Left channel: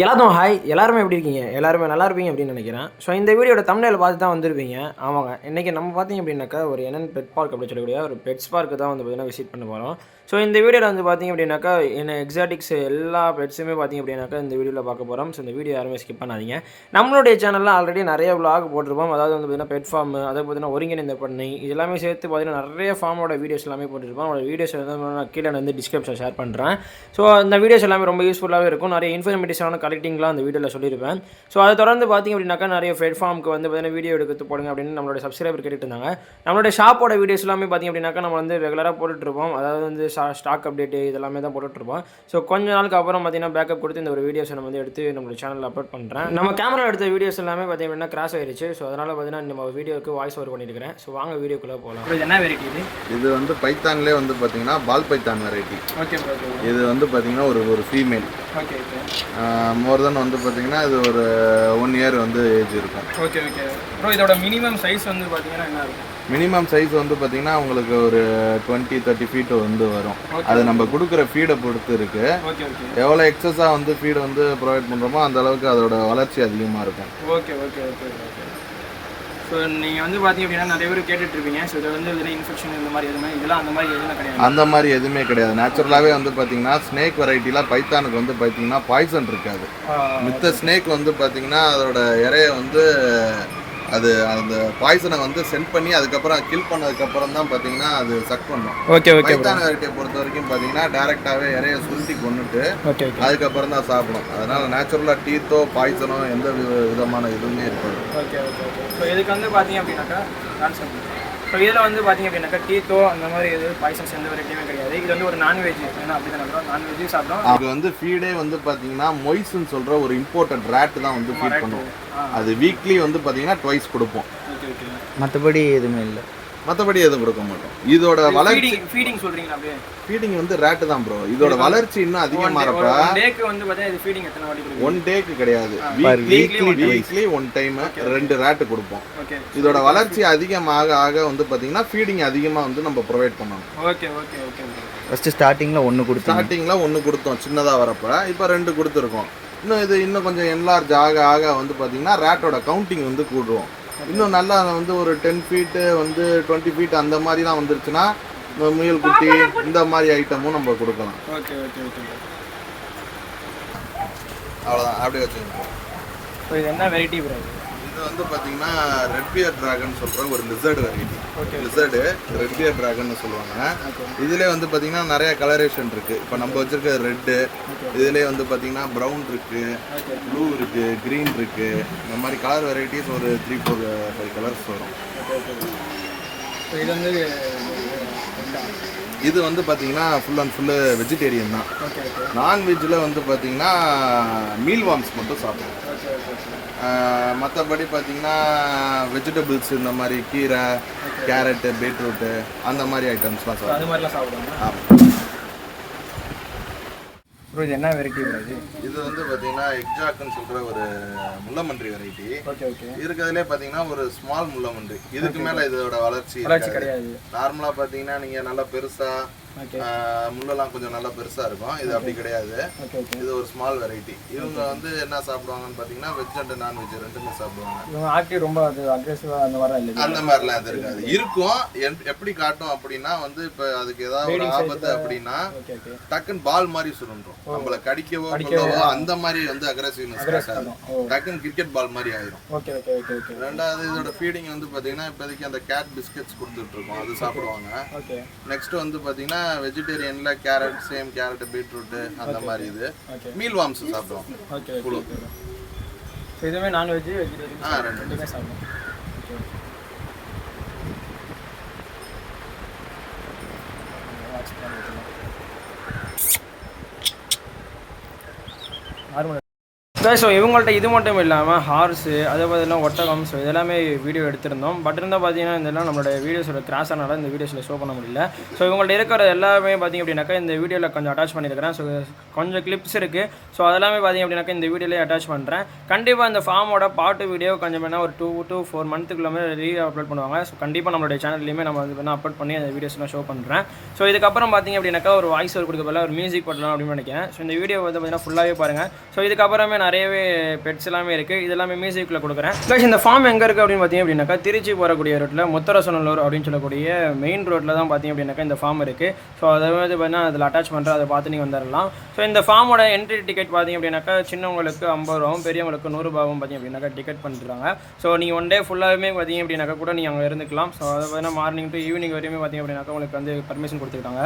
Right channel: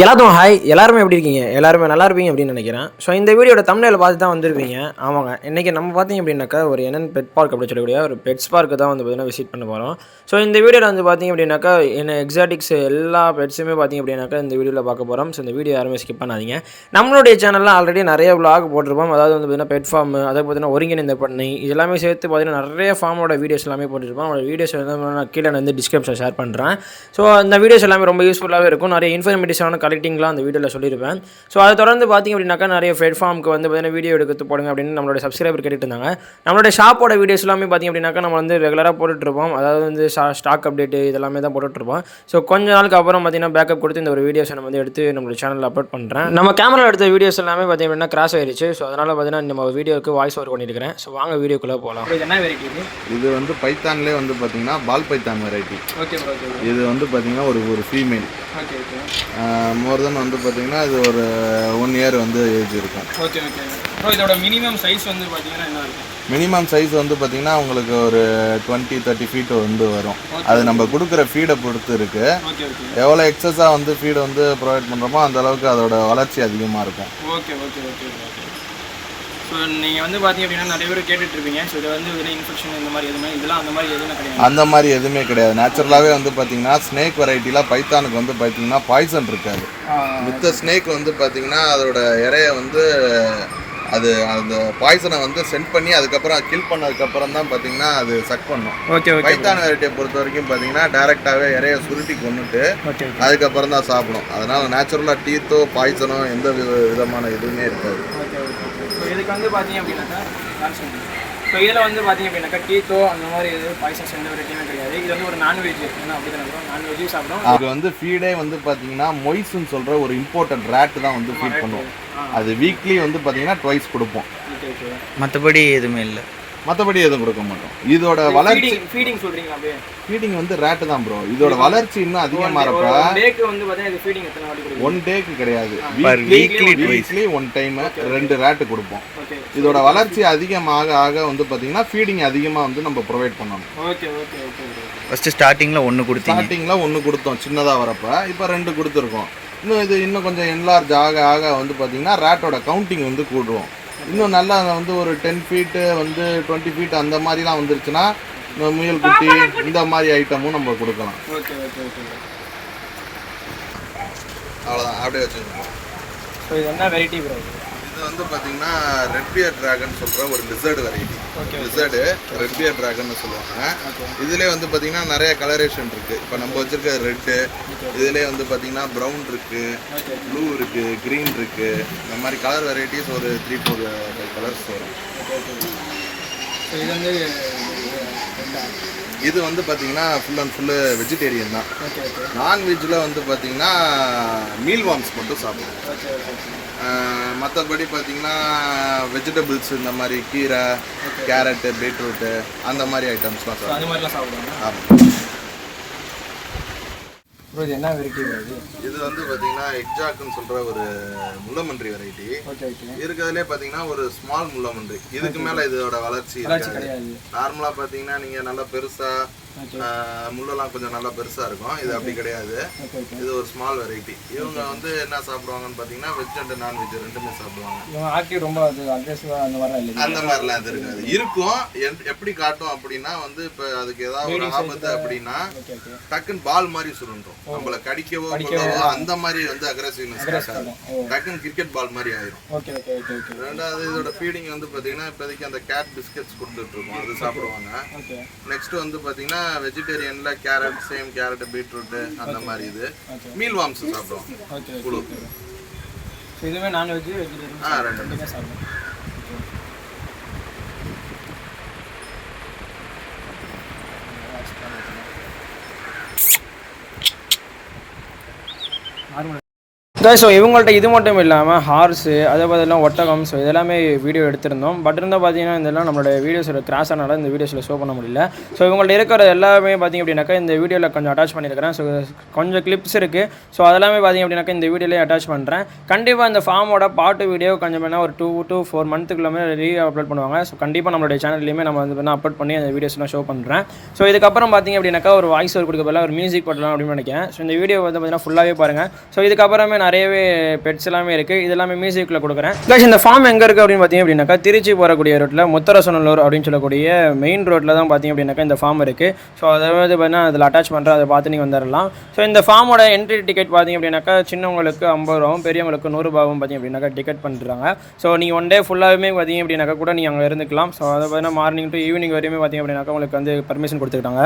எல்லாத்துக்கும் ஹாய். எல்லாருமே எப்படி இருக்கீங்க? எல்லாருமே நல்லா இருப்பீங்க அப்படின்னு நினைக்கிறேன். ஸோ இந்த வீடியோட தம்ப்நெயில பார்த்து தான் வந்திருப்பீங்க. ஆமாங்க, இன்றைக்கி நம்ம பார்த்தீங்க அப்படின்னாக்கா ஒரு என்என் பெட் பார்க் அப்படின்னு சொல்லக்கூடிய ஒரு பெட்ஸ் பார்க்கு தான் வந்து பார்த்தீங்கன்னா விசிட் பண்ண போகிறோம். ஸோ இந்த வீடியோவில் வந்து பார்த்தீங்க அப்படின்னாக்கா என்ன எக்ஸாட்டிக்ஸ் எல்லா பெட்ஸுமே பார்த்தீங்க அப்படின்னாக்கா இந்த வீடியோவில் பார்க்க போகிறோம். ஸோ இந்த வீடியோ யாருமே ஸ்கிப் பண்ணாதீங்க. நம்மளுடைய சேனலில் ஆல்ரெடி நிறைய விளாக் போட்டிருப்போம். அதாவது வந்து பார்த்தீங்கன்னா பெட் ஃபார்ம், அதை பார்த்தீங்கன்னா ஒருங்கிணைந்த பண்ணை, இதெல்லாமே சேர்த்து பார்த்தீங்கன்னா நிறைய ஃபார்மோட வீடியோஸ் எல்லாமே போட்டிருப்போம். அவங்களோட வீடியோஸ் வந்து நான் கீழே வந்து டிஸ்கிரிப்ஷன் ஷேர் பண்ணுறேன். ஸோ அந்த வீடியோஸ் எல்லாமே ரொம்ப யூஸ்ஃபுல்லாகவே இருக்கும். நிறைய இன்ஃபர்மேட்டிவான கலெக்டிங்லாம் அந்த வீடியோவில் சொல்லியிருப்பேன். ஸோ அதை தொடர்ந்து பார்த்திங்க அப்படின்னாக்கா நிறைய பிளாட்ஃபார்முக்கு வந்து பார்த்தீங்கன்னா வீடியோ எடுத்து போடுங்க அப்படின்னு நம்மளோட சப்ஸ்கிரைபர் கேட்டுட்டு இருந்தாங்க. நம்மளோட ஷாப்போட வீடியோஸ் எல்லாமே பார்த்திங்க அப்படின்னாக்கா நம்ம வந்து ரெகுலராக போட்டுட்ருப்போம். அதாவது வந்து ஸ்டாக் அப்டேட்டு இதெல்லாமே தான் போட்டுட்ருப்போம். ஸோ கொஞ்ச நாளுக்கு அப்புறம் பார்த்திங்கன்னா பேக்கப் கொடுத்து இந்த ஒரு வீடியோஸை நம்ம வந்து எடுத்து நம்மளோட சேனலில் அப்லோட் பண்ணுறேன். நம்ம கேமரா எடுத்த வீடியோஸ் எல்லாமே பார்த்திங்க அப்படின்னா கிராஸ் ஆயிடுச்சு. ஸோ அதனால் பார்த்தீங்கன்னா நம்ம வீடியோக்கு வாய்ஸ் ஓவர் பண்ணியிருக்கிறேன். ஸோ வாங்க வீடியோக்குள்ளே போகலாம். இது என்ன வெரைட்டி? இது வந்து பைத்தான்லேயே வந்து பார்த்தீங்கன்னா ball python variety. Okay bro. இது வந்து பார்த்தீங்கன்னா ஒரு female. Okay okay. More then வந்து பார்த்தீங்கன்னா இது ஒரு 1 இயர் வந்து ஏஜ் இருக்கும். Okay okay bro. இதோட மினிமம் சைஸ் வந்து பார்த்தீங்கன்னா என்ன இருக்கும்? மினிமம் சைஸ் வந்து பார்த்தீங்கன்னா உங்களுக்கு ஒரு 20-30 ஃபீட் வந்து வரும். அது நம்ம கொடுக்குற ஃபீடை பொறுத்து இருக்குது. எவ்வளோ எக்ஸஸாக வந்து ஃபீடை வந்து ப்ரொவைட் பண்ணுறோமோ அந்த அளவுக்கு அதோட வளர்ச்சி அதிகமாக இருக்கும். Okay okay okay okay. So நீங்கள் வந்து பார்த்தீங்க அப்படின்னா நிறைய பேர் கேட்டுட்ருப்பீங்க. ஸோ இதை வந்து இதில் இன்ஃபெக்ஷன் இந்த மாதிரி எதுவுமே இதெல்லாம் அந்த மாதிரி எதுவுமே கிடையாது. அந்த மாதிரி எதுவுமே கிடையாது. நேச்சுரலாகவே வந்து பார்த்தீங்கன்னா ஸ்னேக் வெரைட்டியில் பைத்தானுக்கு வந்து பார்த்தீங்கன்னா பாய்சன் இருக்காது. மித்த ஸ்னேக் வந்து பார்த்தீங்கன்னா அதோட இறைய வந்து அது அந்த பாய்சனை வந்து சென்ட் பண்ணி அதுக்கப்புறம் கில் பண்ணதுக்கப்புறம் தான் பார்த்தீங்கன்னா அது சக் பண்ணும். Okay okay. பைத்தான் வெரைட்டியை பொறுத்த வரைக்கும் பார்த்தீங்கன்னா டேரெக்டாகவே இறைய சுருட்டி கொண்டுட்டு அதுக்கப்புறம் தான் சாப்பிடும். அதனால் நேச்சுரலாக டீத்தோ பாய்சனோ எந்த விதமான எதுவுமே இருக்காது. Okay okay okay. ஸோ இதுக்கு வந்து பார்த்தீங்க அப்படின்னாக்கா ஸோ இதில் வந்து பார்த்தீங்க அப்படின்னாக்கா டீத்தோ அந்த மாதிரி எதுவும் பாய்சன்ஸ் எந்த வெரைட்டியுமே கிடையாது. இது வந்து ஒரு நான்வெஜ். ஏன்னா அப்படி தானே நான்வெஜ்ஜும் சாப்பிடும். அது வந்து ஃபீடே வந்து பார்த்தீங்கன்னா மொய்ஸ்ன்னு சொல்கிற ஒரு இம்போர்ட்டட் ரேட் தான் வந்து ஃபீட் பண்ணுவோம். அது வீக்லி வந்து பார்த்தீங்கன்னா ட்வைஸ் கொடுப்போம். மற்றபடி எதுவுமே இல்லை. மற்றபடி எதுவும் கொடுக்க மாட்டோம். இதோட வளர்ச்சி ஃபீடிங் சொல்கிறீங்களா? அப்படியே ஃபீடிங் வந்து ரேட்டு தான் ப்ரோ. இதோட வளர்ச்சி இன்னும் அதிகமாகிறப்ப டேக்கு வந்து பார்த்தீங்கன்னா இது ஃபீடிங் எத்தனை வாட்டி கொடுக்கும்? 1 டேக்கு கிடையாது, வீக்லி 1 டைம் 2 ரேட்டு கொடுப்போம். இதோட வளர்ச்சி அதிகமாக ஆக வந்து பார்த்தீங்கன்னா ஃபீடிங் அதிகமாக வந்து நம்ம ப்ரொவைட் பண்ணணும். Okay okay okay. ஃபஸ்ட்டு ஸ்டார்டிங்கில் 1 கொடுத்தோம். ஸ்டார்டிங்கில் 1 கொடுத்தோம் சின்னதாக வரப்போ. இப்போ 2 கொடுத்துருக்கோம். இன்னும் கொஞ்சம் என்லார்ஜ் ஆக ஆக வந்து பார்த்தீங்கன்னா ரேட்டோட கவுண்டிங் வந்து கூடுவோம். இன்னும் நல்லா வந்து ஒரு 10 ஃபீட்டு வந்து 20 ஃபீட் அந்த மாதிரிலாம் வந்துருச்சுன்னா முயல் குட்டி இந்த மாதிரி ஐட்டமும் நம்ம கொடுக்கலாம். Okay okay okay. அவ்வளோதான், அப்படியே வச்சுருக்கோம். ஸோ இது என்ன வெரைட்டி ப்ரோ? இது வந்து பார்த்தீங்கன்னா ரெட் பியர் டிராகன் சொல்கிற ஒரு lizard variety. Okay. Lizard red bearded dragon சொல்லுவாங்க. இதுலேயே வந்து பார்த்தீங்கன்னா நிறைய கலரேஷன் இருக்குது. இப்போ நம்ம வச்சுருக்க ரெட்டு, இதுலேயே வந்து பார்த்தீங்கன்னா ப்ரௌன் இருக்குது, ப்ளூ இருக்குது, க்ரீன் இருக்குது. இந்த மாதிரி கலர் வெரைட்டிஸ் ஒரு 3-4 கலர்ஸ் வரும். இது வந்து இது வந்து பார்த்தீங்கன்னா ஃபுல் அண்ட் ஃபுல்லு வெஜிடேரியன் தான். நான்வெஜ்ஜில் வந்து பார்த்தீங்கன்னா மீல் வார்ம்ஸ் மட்டும் சாப்பிடுவோம். மற்றபடி பார்த்தீங்கன்னா வெஜிடபிள்ஸ் இந்த மாதிரி கீரை, கேரட்டு, பீட்ரூட்டு அந்த மாதிரி ஐட்டம்ஸ்லாம் சாப்பிடுவோம். அது மாதிரிலாம் சாப்பிடுவாங்க. இது என்ன வெரைட்டி? இது வந்து பார்த்தீங்கன்னா எக்ஸாக்ட்னு சொல்கிற ஒரு முள்ளமன்றி வெரைட்டி. இருக்கிறதுலே பார்த்தீங்கன்னா ஒரு ஸ்மால் முள்ளமன்றி. இதுக்கு மேலே இதோட வளர்ச்சி கிடையாது. நார்மலாக பார்த்தீங்கன்னா நீங்கள் நல்லா பெருசாக முள்ளெல்லாம் கொஞ்சம் நல்லா பெருசாக இருக்கும். இது அப்படி கிடையாது. இது ஒரு ஸ்மால் வெரைட்டி. இவங்க வந்து என்ன சாப்பிடுவாங்கன்னு பார்த்தீங்கன்னா வெஜ் அண்ட் நான்வெஜ் ரெண்டுமே சாப்பிடுவாங்க. ரொம்ப அந்த மாதிரிலாம் அது இருக்காது. இருக்கும். எப்படி காட்டும் அப்படின்னா வந்து இப்போ அதுக்கு ஏதாவது ஆபத்து அப்படின்னா டக்குன்னு பால் மாதிரி சுருண்டும். நம்மளை கடிக்கவோ அந்த மாதிரி வந்து அக்ரெசிவ்னஸ் டக்குன்னு கிரிக்கெட் பால் மாதிரி ஆயிரும். ரெண்டாவது இதோட ஃபீடிங் வந்து பார்த்தீங்கன்னா இப்போதைக்கு அந்த கேட் பிஸ்கெட்ஸ் கொடுத்துட்டு இருக்கோம், அது சாப்பிடுவாங்க. நெக்ஸ்ட் வந்து பார்த்தீங்கன்னா வெஜிடேரியன்ல கேரட், சேம் கேரட், பீட்ரூட் அந்த மாதிரி. இது மீல் வார்ம்ஸ் சாப்பிடுவோம். இதுவே நான்வெஜ் வெஜிடேரியன் ரெண்டுமே சாப்பிடுவோம். ஸோ இவங்கள்ட்ட இது மட்டும் இல்லாமல் ஹார்ஸு அதே பார்த்தீங்கன்னா ஒட்டகம், ஸோ இதெல்லாமே வீடியோ எடுத்திருந்தோம். பட் இருந்தால் பார்த்தீங்கன்னா இதெல்லாம் நம்மளோட வீடியோஸில் கிராஸ் ஆனால இந்த வீடியோஸில் ஷோ பண்ண முடியல. ஸோ இவங்கள்ட்ட இருக்கிற எல்லாமே பார்த்திங்க அப்படின்னாக்கா இந்த வீடியோவில் கொஞ்சம் அட்டாச் பண்ணியிருக்கிறேன். ஸோ கொஞ்சம் கிளிப்ஸ் இருக்குது. ஸோ அதெல்லாமே பார்த்திங்க அப்படின்னாக்கா இந்த வீடியோலேயே அட்டாச் பண்ணுறேன். கண்டிப்பாக இந்த ஃபார்மோட பாட்டு வீடியோ கொஞ்சம் வேணால் ஒரு 2 to 4 மந்த்துக்குள்ளே அப்லோட் பண்ணுவாங்க. ஸோ கண்டிப்பாக நம்மளுடைய சேனல்லையுமே நம்ம வந்து வேணால் அப்லோட் பண்ணி அந்த வீடியோஸ்லாம் ஷோ பண்ணுறேன். ஸோ இதுக்கப்புறம் பார்த்திங்க அப்படின்னாக்கா ஒரு வாய்ஸ் ஓவர் கொடுக்க பதிலாக ஒரு மியூசிக் போடலாம் அப்படின்னு நினைக்கிறேன். ஸோ இந்த வீடியோ வந்து பார்த்திங்கன்னா ஃபுல்லாகவே பாருங்கள். ஸோ இதுக்கப்புறமே நிறையவே பெட்ஸ் எல்லாமே இருக்குது. இது எல்லாமே மியூசிக்கில் கொடுக்குறேன். இந்த ஃபார்ம் எங்கே இருக்குது அப்படின்னு பார்த்தீங்க அப்படின்னாக்கா திருச்சி போகக்கூடிய ரோட்டில் முத்தரசநல்லூர் அப்படின்னு சொல்லக்கூடிய மெயின் ரோட்டில் தான் பார்த்தீங்க அப்படின்னாக்கா இந்த ஃபார்ம் இருக்குது. ஸோ அதை வந்து பார்த்தீங்கன்னா அதில் அட்டாச் பண்ணுறேன். அதை பார்த்து நீங்கள் வந்துடலாம். ஸோ இந்த ஃபார்மோட என்ட்ரி டிக்கெட் பார்த்தீங்க அப்படின்னாக்கா சின்னவங்களுக்கு 50 ரூபாவும் பெரியவங்களுக்கு 100 ரூபாவும் பார்த்தீங்க அப்படின்னாக்கா டிக்கெட் பண்ணிடுறாங்க. ஸோ நீங்கள் ஒன் டே ஃபுல்லாகவே பார்த்தீங்க அப்படின்னாக்கா கூட நீங்கள் அங்கே இருந்துக்கலாம். ஸோ அதை பார்த்தீங்கன்னா மார்னிங் டு ஈவினிங் வரையுமே பார்த்தீங்க அப்படின்னாக்கா உங்களுக்கு வந்து பர்மிஷன் கொடுத்துக்கிட்டாங்க.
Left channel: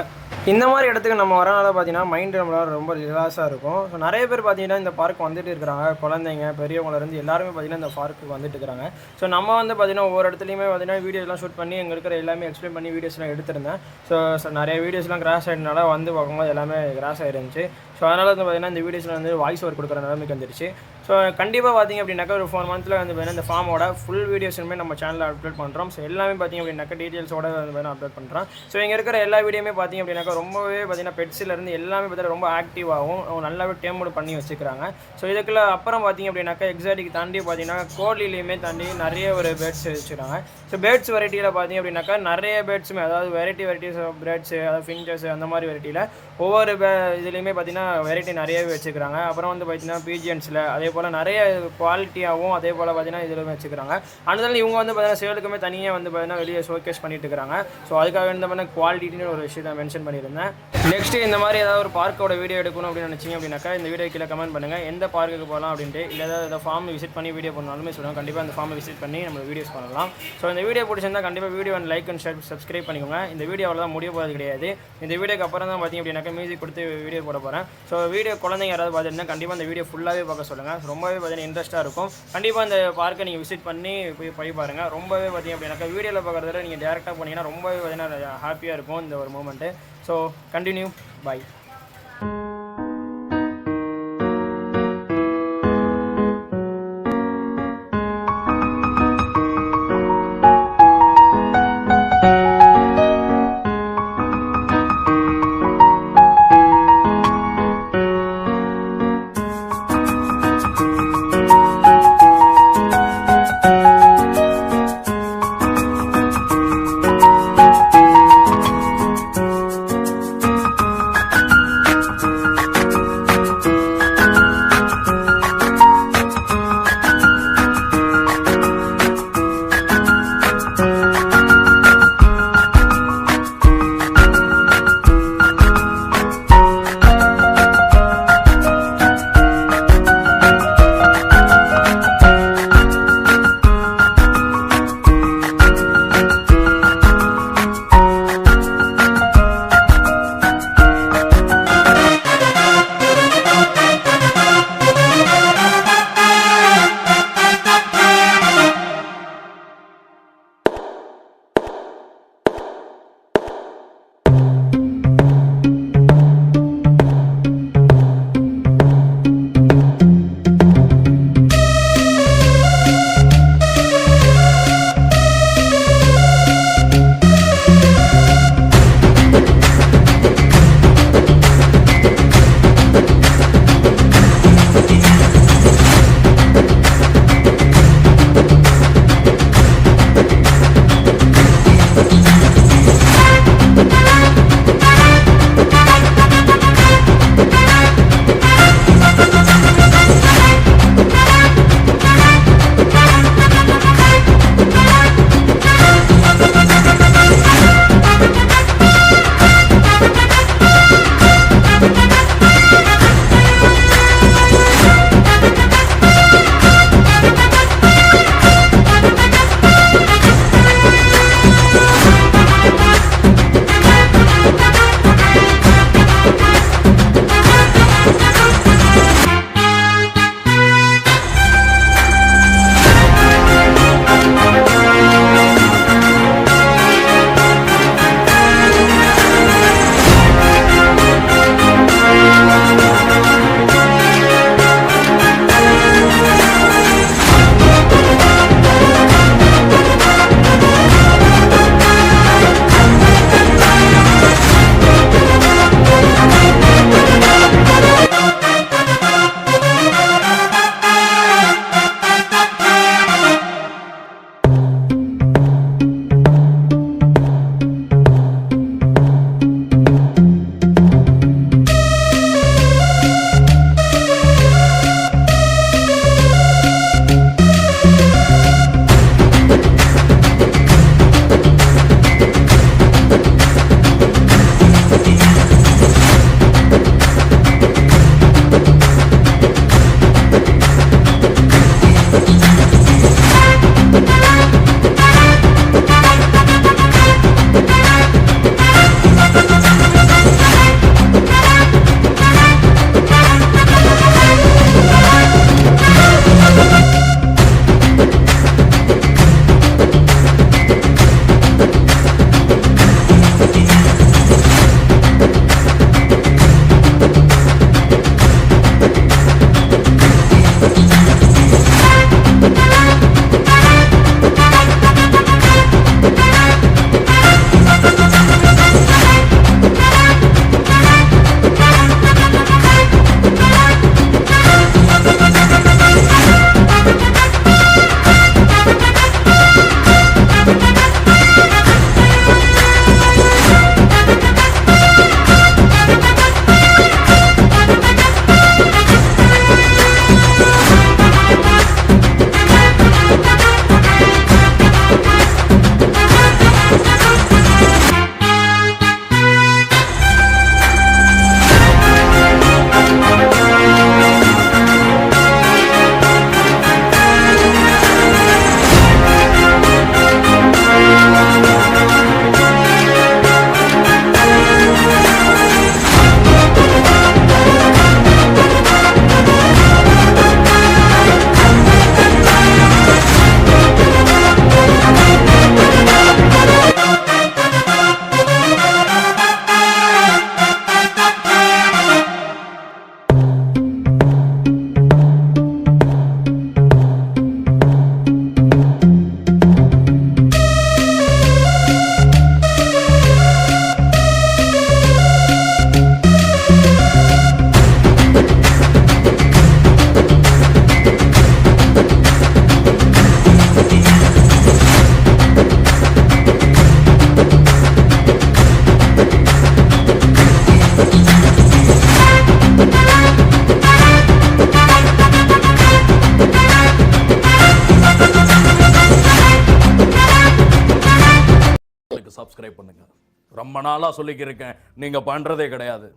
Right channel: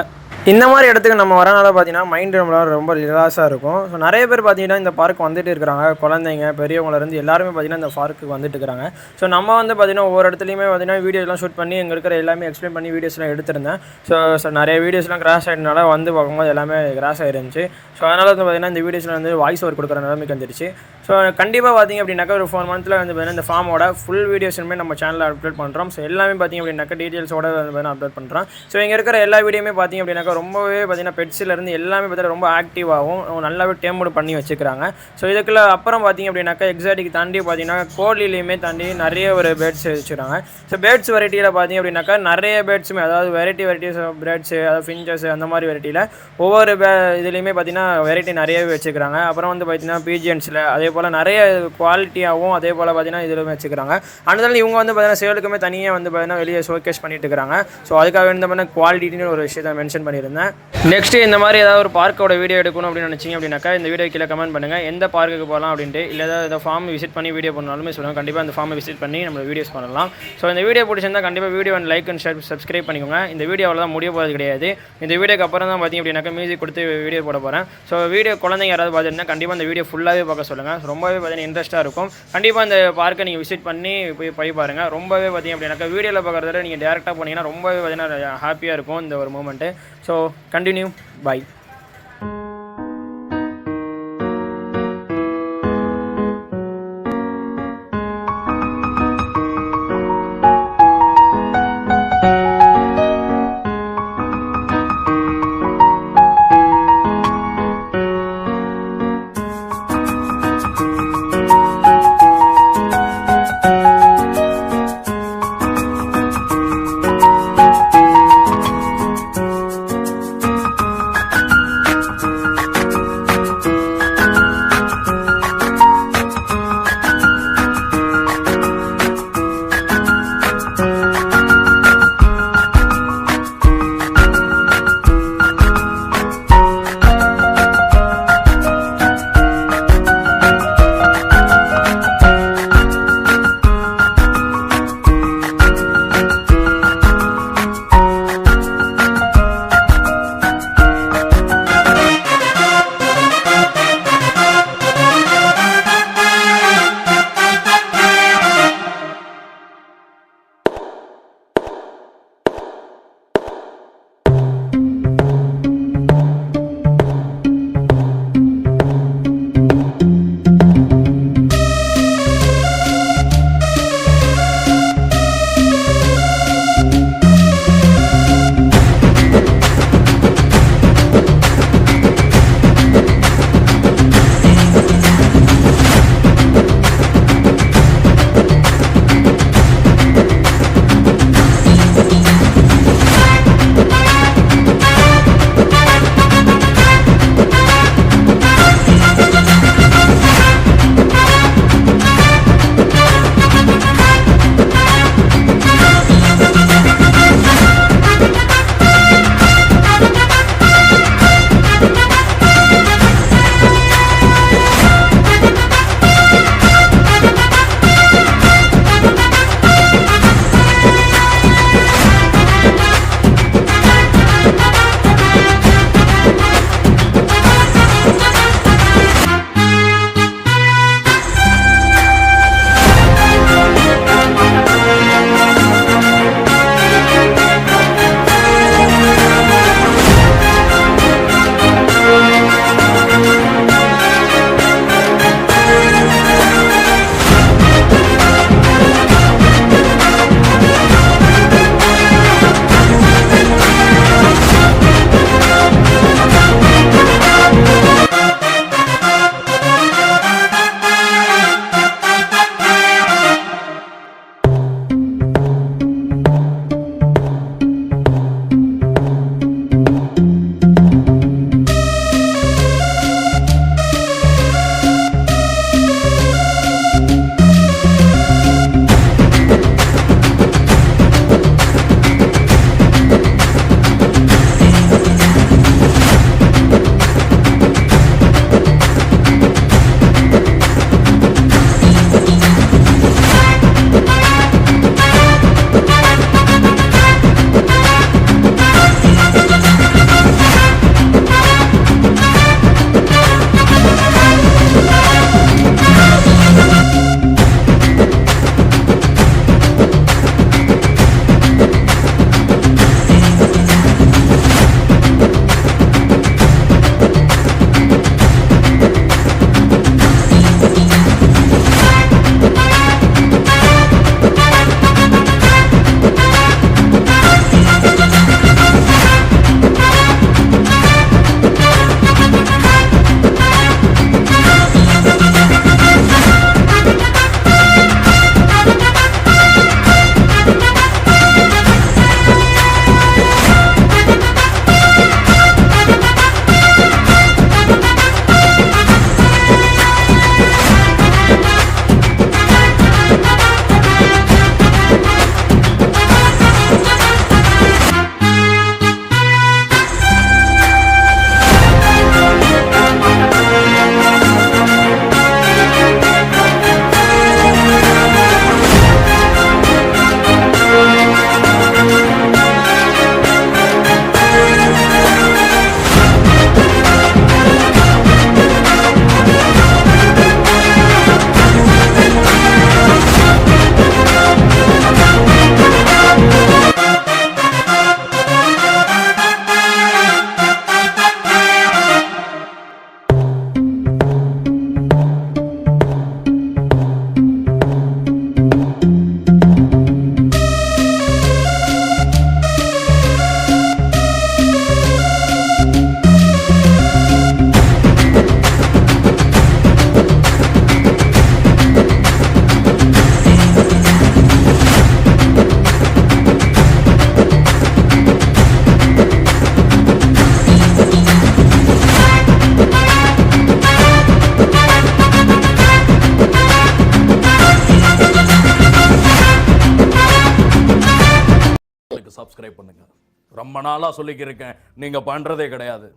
இந்த மாதிரி இடத்துக்கு நம்ம வரனால பார்த்தீங்கன்னா மைண்ட் நம்மளால ரொம்ப ரிலாக்ஸாக இருக்கும். ஸோ நிறைய பேர் பார்த்தீங்கன்னா இந்த பார்க் வந்துட்டு இருக்கிறாங்க. குழந்தைங்க பெரியவங்கலேருந்து எல்லாருமே பார்த்தீங்கன்னா இந்த பார்க்குக்கு வந்துட்டு இருக்கிறாங்க. ஸோ நம்ம வந்து பார்த்தீங்கன்னா ஒவ்வொரு இடத்துலையுமே பார்த்தீங்கன்னா வீடியோஸ்லாம் ஷூட் பண்ணி எங்கே இருக்கிற எல்லாமே எக்ஸ்பிளைன் பண்ணி வீடியோஸ்லாம் எடுத்திருந்தேன். ஸோ நிறைய வீடியோஸ்லாம் கிராஸ் ஆகிட்டனால வந்து பார்க்கும்போது எல்லாமே கிராஸ் ஆகிருந்துச்சு. ஸோ அதனால் வந்து பார்த்தீங்கன்னா இந்த வீடியோஸில் வந்து வாய்ஸ் ஓவர் கொடுக்குற நிலைமைக்கு வந்துருச்சு. ஸோ கண்டிப்பாக பார்த்தீங்க அப்படின்னாக்கா ஒரு 4 மந்த்தில் வந்து பார்த்தீங்கன்னா இந்த ஃபார்மோட ஃபுல் வீடியோஸுமே நம்ம சேனலில் அப்லோட் பண்ணுறோம். ஸோ எல்லாமே பார்த்தீங்க அப்படின்னாக்கா டீட்டெயில்ஸோட வந்து பார்த்தீங்கன்னா அப்லோட் பண்ணுறோம். ஸோ இங்கே இருக்கிற எல்லா வீடியோமே பார்த்தீங்க அப்படின்னாக்கா ரொம்பவே பார்த்தீங்கன்னா பெட்ஸ்லேருந்து எல்லாமே பார்த்தீங்கன்னா ரொம்ப ஆக்டிவாகவும் நல்லாவே டேமோடு பண்ணி வச்சுக்கிறாங்க. ஸோ இதுக்குள்ள அப்புறம் பார்த்தீங்க அப்படின்னாக்கா எக்ஸாட்டிக் தாண்டி பார்த்தீங்கன்னா கோழிலையுமே தாண்டி நிறைய ஒரு பேர்ட்ஸ் வச்சுக்கிறாங்க. ஸோ பேர்ட்ஸ் வெரைட்டியில் பார்த்தீங்க அப்படின்னாக்கா நிறைய பேர்ட்ஸுமே அதாவது வெரைட்டிஸ் ஆஃப் பேர்ட்ஸு அதாவது ஃபின்ச்சஸ் அந்த மாதிரி வெரைட்டியில் ஒவ்வொரு இதுலேயுமே பார்த்தீங்கன்னா வெரைட்டி நிறையவே வச்சுக்கிறாங்க. அப்புறம் வந்து பார்த்தீங்கன்னா பீஜியன்ஸில் அதே போல் நிறைய குவாலிட்டியாகவும் அதே போல் பார்த்தீங்கன்னா இதிலுமே வச்சுக்கிறாங்க. அதனால இவங்க வந்து பார்த்தீங்கன்னா சேலுக்குமே தனியாக வந்து பார்த்தீங்கன்னா வெளியே ஷோகேஸ் பண்ணிட்டு இருக்கிறாங்க. ஸோ அதுக்காக வந்து பார்த்தீங்கன்னா குவாலிட்டின்னு ஒரு விஷயத்தை மென்ஷன் பண்ணியிருந்தேன். நெக்ஸ்ட்டு இந்த மாதிரி ஏதாவது ஒரு பார்க்கோட வீடியோ எடுக்கணும் அப்படின்னு நினச்சிங்க அப்படின்னாக்கா இந்த வீடியோ கீழே கமெண்ட் பண்ணுங்கள். எந்த பார்க்குக்கு போகலாம் அப்படின்ட்டு இல்லை ஏதாவது ஃபார்ம் விசிட் பண்ணி வீடியோ பண்ணாலுமே சொல்லுங்கள். கண்டிப்பாக அந்த ஃபார்மை விசிட் பண்ணி நம்ம வீடியோஸ் பண்ணலாம். ஸோ இந்த வீடியோ பிடிச்சிருந்தால் கண்டிப்பாக video like and share subscribe பண்ணிக்கோங்க. இந்த வீடியோ அவ்வளோதான் முடிய போகிறது கிடையாது. இந்த வீடியோக்கு அப்புறம் தான் பார்த்தீங்க அப்படின்னாக்கா மியூசிக் கொடுத்து வீடியோ போட போகிறேன். ஸோ வீடியோ குழந்தைங்க யாராவது பார்த்துருந்தா கண்டிப்பாக அந்த வீடியோ ஃபுல்லாகவே பார்க்க சொல்லுங்கள். ரொம்பவே பார்த்தீங்கன்னா இன்ட்ரெஸ்ட்டாக இருக்கும். கண்டிப்பாக அந்த பார்க்கை நீங்கள் விசிட் பண்ணி போய் பாருங்கள். ரொம்பவே பார்த்தீங்க அப்படின்னாக்கா வீடியோவில் பார்க்குறத நீங்கள் டேரெக்டாக போனீங்கன்னா ரொம்பவே பார்த்தீங்கன்னா ஹாப்பியாக இருக்கும் இந்த ஒரு மூமெண்ட்டு. So continue by. ரொம்ப நாளாக சொல்லிக்கிருக்கேன், நீங்கள் பண்ணுறதே கிடையாது.